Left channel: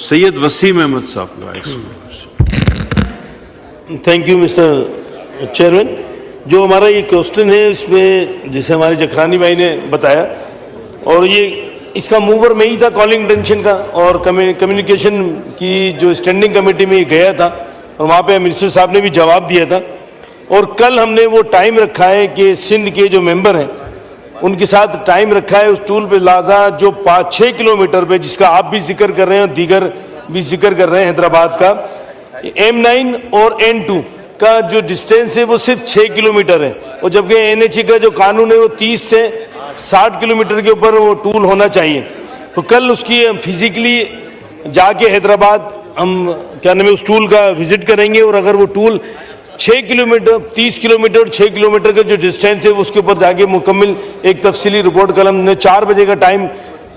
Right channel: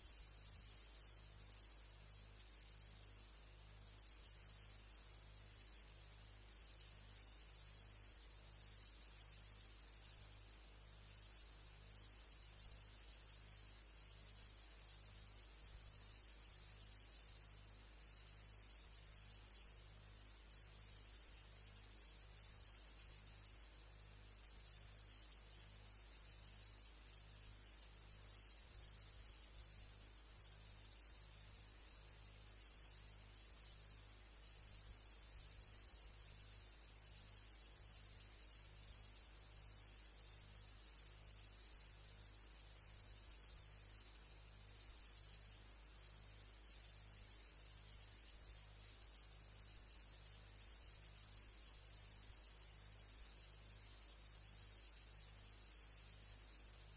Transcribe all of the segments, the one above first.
सैयद वसीम अहमद साहब का। Thank you mister chairman. जो हमारा ये क्वेश्चन है इसमें जैसे हमारे जखरानी भाई ने बताया, और ये इसका मूवर में ही था कॉलिंग अटेंशन का, और कम्युनिकेशन की जो स्टैंडिंग कमेटी में गया था और वहाँ पे मिनिस्टर साहब ने भी जवाब दिया था। और कल हमने वो टाइम रखा है कि सिंध के जो मेंबर हैं उनके साथ टाइम रखा है उस टूल पे लाजा जो 5-6 किलोमीटर पे, जिसका आप भी जिक्र कर रहे हैं और दीगर भी जिक्र कर रहे हैं हैदराबाद का, M9 और N2 का जो डिस्टेंस है वो सिर्फ 6 किलोमीटर है, और जबकि NHA का जो कानून है वो 30 से 60 किलोमीटर के ऊपर वो टूल होना चाहिए। तो कल उसकी फिजिकली जाके हैदराबाद हम क्या नाम है उस टूल का विजिट करेंगे, और अगर वो टूल 6 किलोमीटर 30 किलोमीटर 6 किलोमीटर का जो डिस्टेंस है उसके ऊपर जाके मुकम्मल एक तफसीली रिपोर्ट कल हमने 4 बजे का टाइम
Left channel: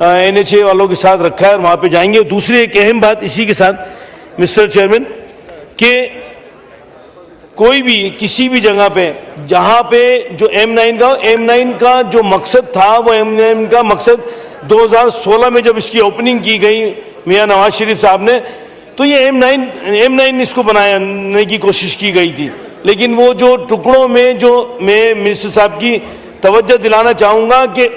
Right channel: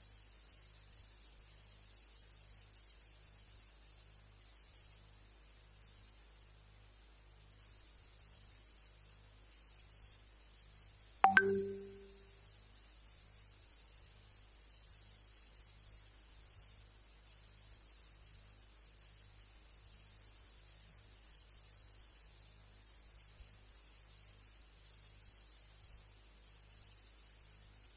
NHA वालों के साथ रखा है और वहाँ पे जाएंगे। और दूसरी एक अहम बात इसी के साथ मिस्टर चेयरमैन कि कोई भी किसी भी जगह पे जहाँ पे जो M9 का जो मकसद था वो M9 का मकसद 2016 में जब इसकी ओपनिंग की गई मियाँ नवाज शरीफ साहब ने, तो ये M9 इसको बनाने की कोशिश की गई थी। लेकिन वो जो टुकड़ों में जो मैं मिनिस्टर साहब की तवज्जो दिलाना चाहूँगा कि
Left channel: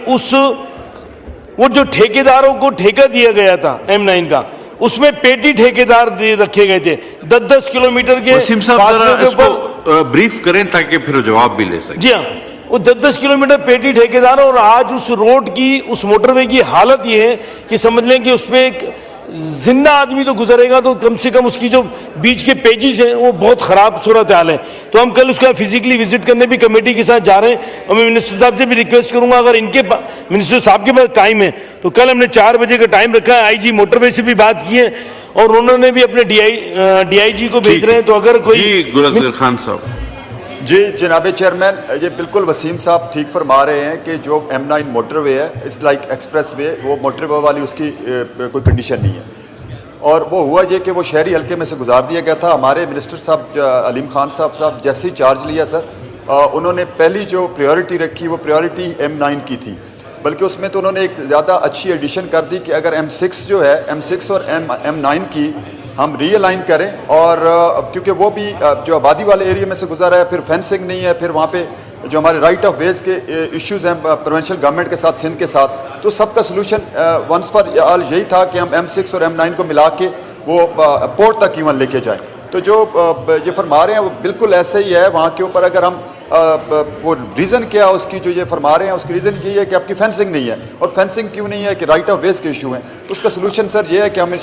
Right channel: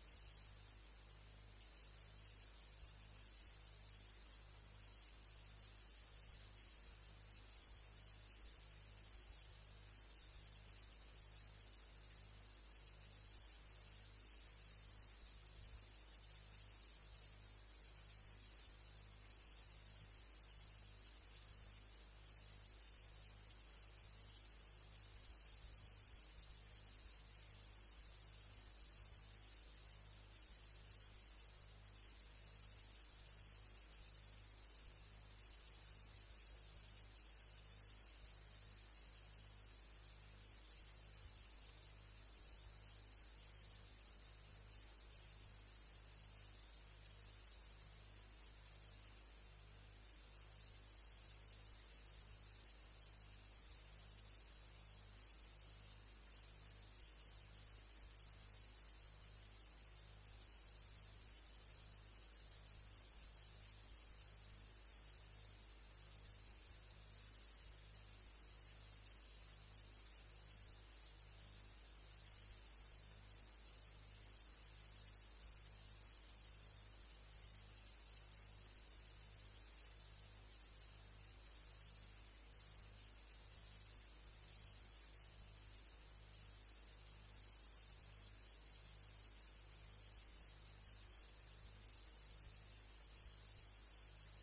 वो जो ठेकेदारों को ठेका दिया गया था M9 का, उसमें पेटी ठेकेदार रखे गए थे 10-10 किलोमीटर के वसीम साहब इसको ब्रीफ करें ताकि फिर जवाब भी ले सकें। जी हाँ, वो 10-10 किलोमीटर पेटी ठेकेदार, और आज उस रोड की उस मोटरवे की हालत ये है कि समझ लें कि उसमें एक जिंदा आदमी तो गुजरेगा तो कम से कम उसकी जो बीच के पेजेस हैं वो बहुत ख़राब सूरत हाल है। तो हम कल उसका फिजिकली विजिट करने भी कमेटी के साथ जा रहे हैं, और मैं मिनिस्टर साहब से भी रिक्वेस्ट करूंगा अगर इनके मिनिस्टर साहब के पास टाइम है तो कल हमने 4 बजे का टाइम रखा है। IG मोटरवे से भी बात की है और उन्होंने भी अपने DIG को भेज रहे हैं। तो अगर कोई गुलज़र खान साहब। जी जनाब चेयरमैन, ये बिल्कुल वसीम साहब ठीक फरमा रहे हैं कि जो M9 मोटरवे है इट्स लाइक एक्सप्रेस वे, वो मोटरवे वाली उसकी कोई कंडीशन नहीं है। और वो हुआ ये कि वो शहरी हल्के में से गुजार दिया गया था। हमारे मिनिस्टर साहब अलीम खान साहब जैसे ही चार्ज लिया सर, उन्होंने पहली जो प्रायोरिटी रखी वो प्रायोरिटी M9 की थी, बल्कि उसमें तो उन्होंने एक ज़्यादा अच्छी एडिशन कर दी कि अगर M6 जो है M6 और M9 की हम रीअलाइन करें, और क्योंकि वो भी जो आबादी वाले एरिया में से गुजरा है, फिर फेंसिंग नहीं है, फिर वहाँ पे जो हमारे राइट ऑफ वेज के इश्यूज़ हैं प्रोविंशियल गवर्नमेंट के साथ सिंध के साथ, तो सबका सलूशन वंस फॉर ऑल यही था कि हम M6 और M9 को मिला के वो पोर्ट तक इवन लेके जाएं। तो जो ये फरमा रहे हैं वो बिल्कुल ऐसे ही है। वहाँ के ऊपर अगर हम वो रीज़न क्या है उसकी जो ये फरमा रहे हैं उसकी रीज़न ये है कि आपकी फेंसिंग नहीं है, और फेंसिंग क्यों नहीं है कि राइट ऑफ वेज के इशू हैं। उसका सलूशन सर ये है कि हम